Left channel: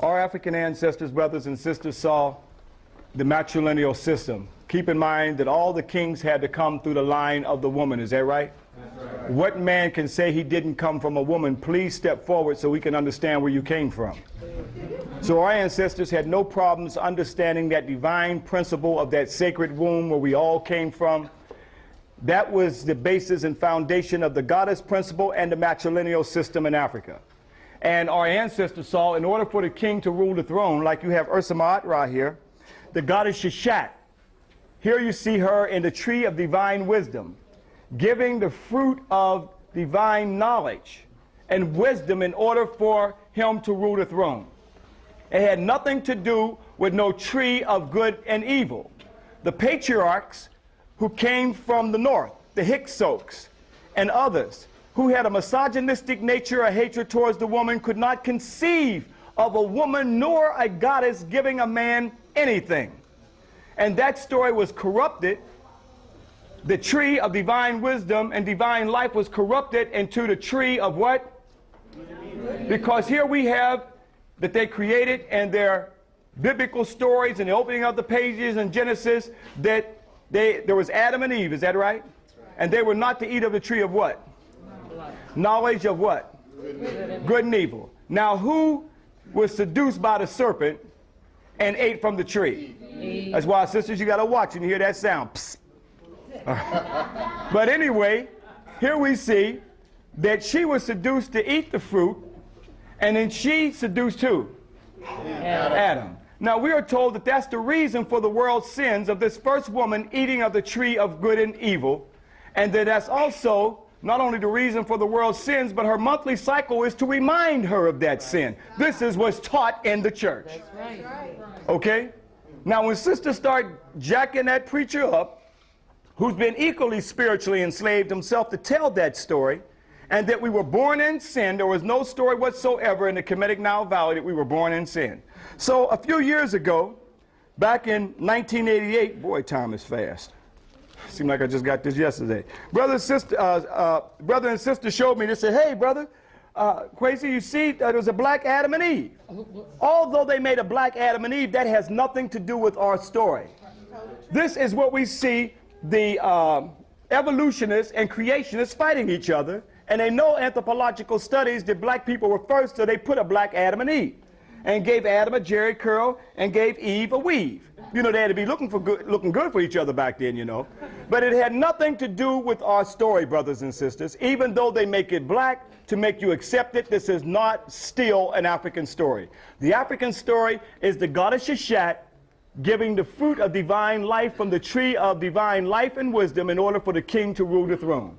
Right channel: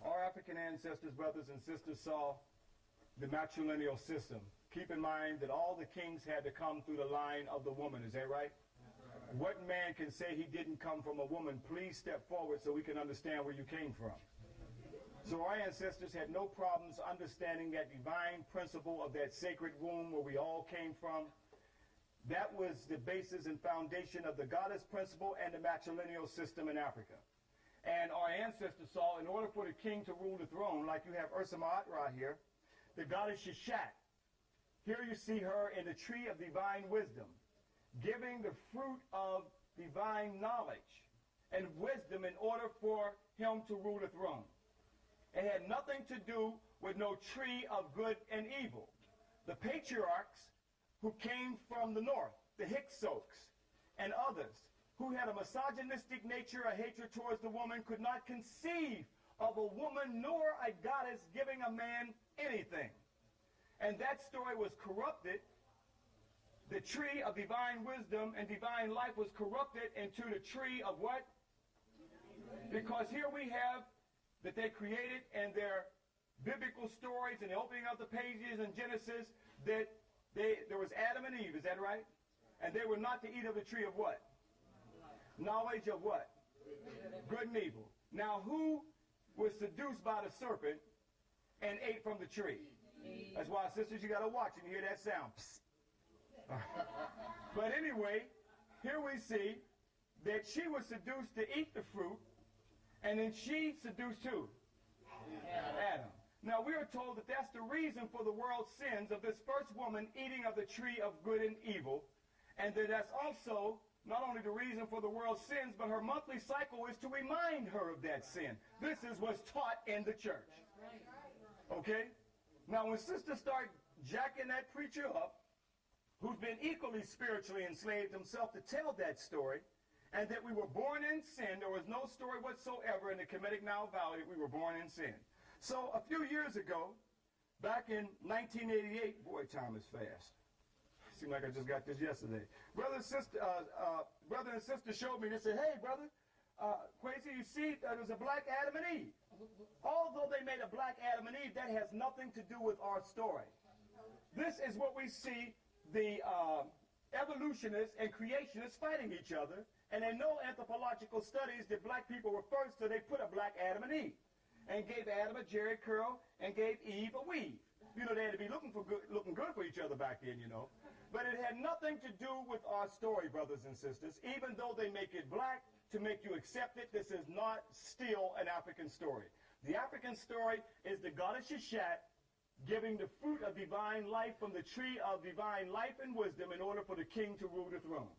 Our African ancestors, brothers and sisters, saw the matrilineal system. Keep in mind that all the kings had to come through the line of the woman. Is that right? That's right. What man can say he didn't come from a woman? Please step forward so we can understand where you came from. So our ancestors had no problems understanding that divine principle of that sacred womb where we all came from. That was the basis and foundation of the goddess principle and the matrilineal system in Africa. And our ancestors saw, in order for the king to rule the throne, like you have Ursa right here, the goddess Sheshat. Here you see her in the tree of divine wisdom, giving the fruit of divine knowledge and wisdom in order for him to rule the throne. It had nothing to do with no tree of good and evil. The patriarchs who came from the north, the Hyksos and others, who had a misogynistic nature, a hatred towards the woman, could not conceive of a woman nor a goddess giving a man anything. And that story was corrupted. The tree of divine wisdom and divine life was corrupted into the tree of what? Because here we have that they created in their biblical stories and the opening of the pages in Genesis that there was Adam and Eve, is that right? And they were not to eat of the tree of what? Knowledge of what? Good and evil. Now who was seduced by the serpent and ate from the tree? Eve. That's why, sisters, you got to watch and you hear that sound. Psst. But anyway, here we see that she was seduced to eat the fruit, and then she seduced who? Adam. Now we are told that that's the reason for the world's sins of this first woman eating of the tree of good and evil, and that that's also not only the reason for the world's sins, but her monthly cycle is to remind her of that sin. This is what's taught in the church. Okay? Now when sisters start jacking that preacher up, who's been equally spiritually enslaved himself, to tell that story, and that we were born in sin, there was no story whatsoever in the Kemetic Nile Valley that we were born in sin. So a few years ago, back in 1988, boy, time is fast. Seemed like I just got this yesterday. Brother and sister showed me, they said, hey, brother, Quasi, you see, there was a black Adam and Eve. Although they made a black Adam and Eve, that has nothing to do with our story. This is what we see the evolutionists and creationists fighting each other, and they know anthropological studies that black people were first, so they put a black Adam and Eve, and gave Adam a jerry curl and gave Eve a weave. You know, they had to be looking good for each other back then, you know. But it had nothing to do with our story, brothers and sisters. Even though they make it black to make you accept it, this is not still an African story. The African story is the goddess Sheshat giving the fruit of divine life from the tree of divine life and wisdom in order for the king to rule the throne.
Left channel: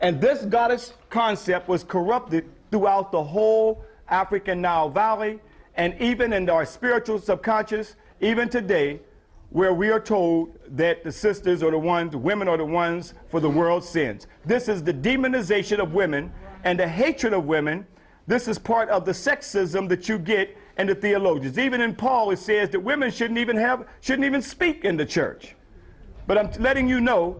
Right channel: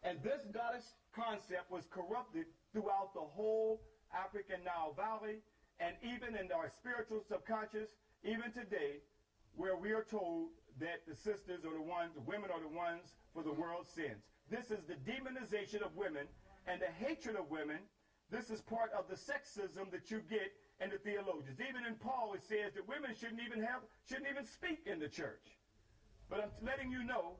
And this goddess concept was corrupted throughout the whole African Nile Valley, and even in our spiritual subconscious, even today, where we are told that the sisters are the ones, the women are the ones for the world's sins. This is the demonization of women and the hatred of women. This is part of the sexism that you get in the theologians. Even in Paul, it says that women shouldn't even speak in the church. But I'm letting you know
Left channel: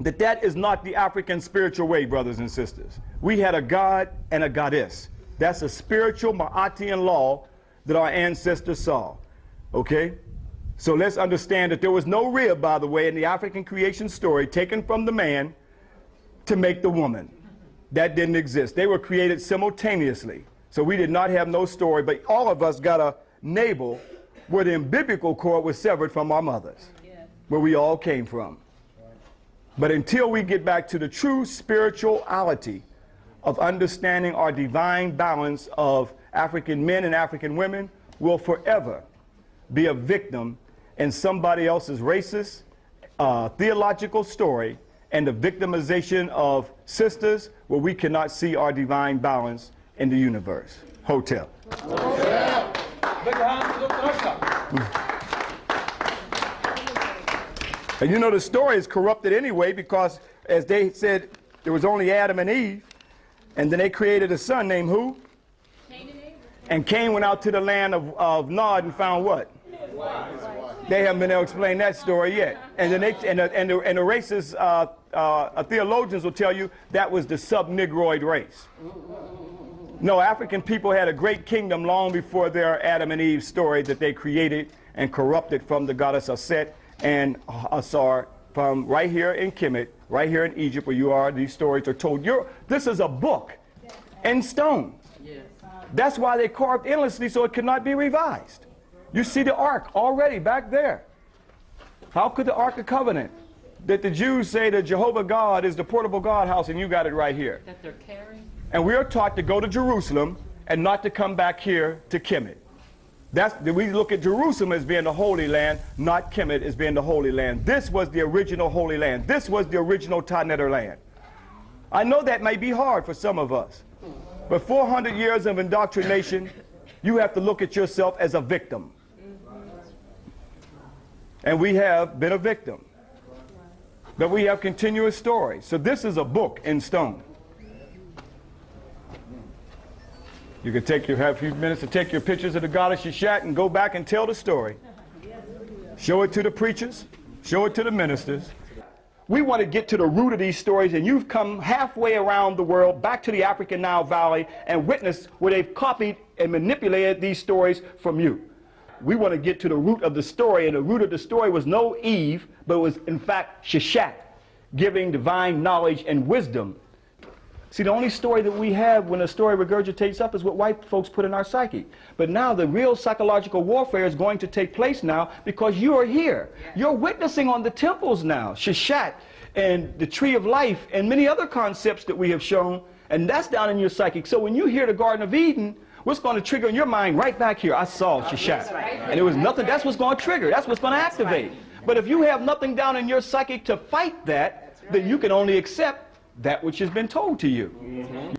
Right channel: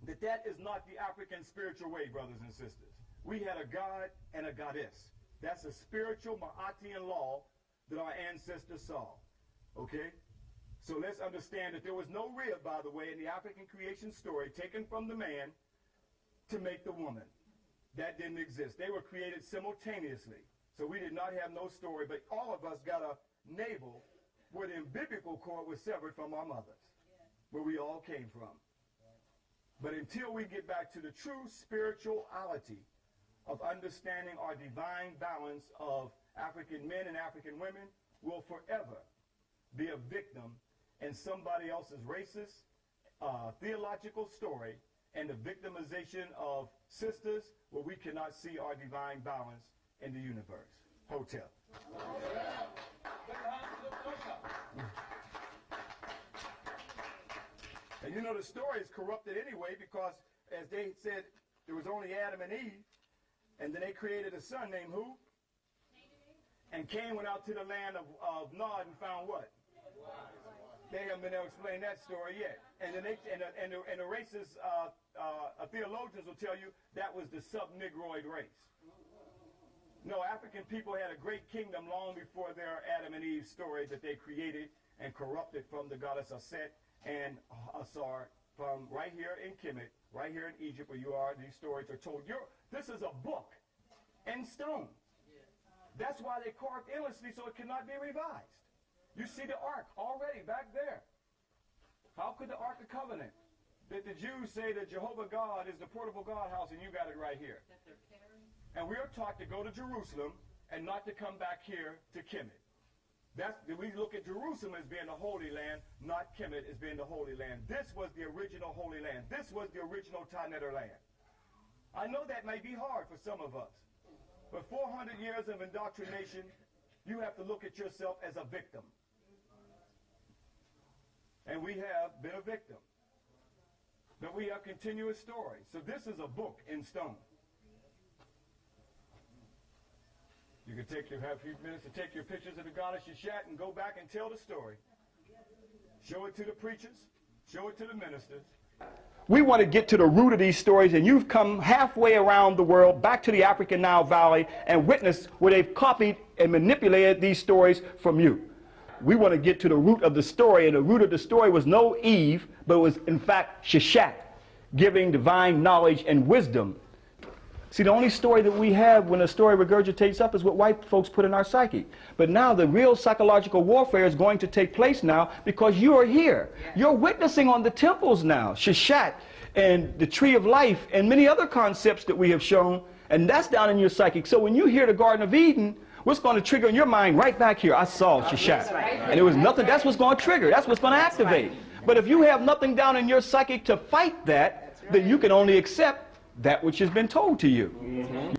that that is not the African spiritual way, brothers and sisters. We had a god and a goddess. That's a spiritual Ma'atian law that our ancestors saw. Okay? So let's understand that there was no rib, by the way, in the African creation story taken from the man to make the woman. That didn't exist. They were created simultaneously. So we did not have no story, but all of us got a navel where the umbilical cord was severed from our mothers, where we all came from. But until we get back to the true spirituality of understanding our divine balance of African men and African women, we'll forever be a victim in somebody else's racist, theological story, and the victimization of sisters where we cannot see our divine balance in the universe. Hotel. Hotel. And you know the story is corrupted anyway, because as they said, there was only Adam and Eve, and then they created a son named who? Cain and Abel. And Cain went out to the land of Nod and found what? They haven't been able to explain that story yet. And then the racist theologians will tell you that was the sub-Negroid race. No, African people had a great kingdom long before their Adam and Eve story that they created and corrupted from the goddess Aset and Asar from right here in Kemet, right here in Egypt where you are. These stories are told. This is a book in stone. That's why they carved endlessly so it could not be revised. You see the Ark already back there. How could the Ark of Covenant that the Jews say that Jehovah God is the portable God house and you got it right here? That they're carrying? And we are taught to go to Jerusalem and not to come back here to Kemet. We look at Jerusalem as being the Holy Land, not Kemet as being the Holy Land. This was the original Holy Land. This was the original Taneter land. I know that may be hard for some of us, but 400 years of indoctrination, you have to look at yourself as a victim. And we have been a victim. But we have continuous stories. So this is a book in stone. You can have a few minutes to take your pictures of the goddess Shishat and go back and tell the story. Show it to the preachers. Show it to the ministers. We want to get to the root of these stories, and you've come halfway around the world, back to the African Nile Valley, and witnessed where they've copied and manipulated these stories from you. We want to get to the root of the story, and the root of the story was no Eve, but it was in fact Shishat, giving divine knowledge and wisdom. See, the only story that we have when a story regurgitates up is what white folks put in our psyche. But now the real psychological warfare is going to take place now because you are here. You're witnessing on the temples now, Shishat and the tree of life and many other concepts that we have shown, and that's down in your psychic. So when you hear the Garden of Eden, what's going to trigger in your mind right back here? I saw Shishat. And there was nothing, that's what's going to trigger, that's what's going to activate. But if you have nothing down in your psychic to fight that, then you can only accept that which has been told to you.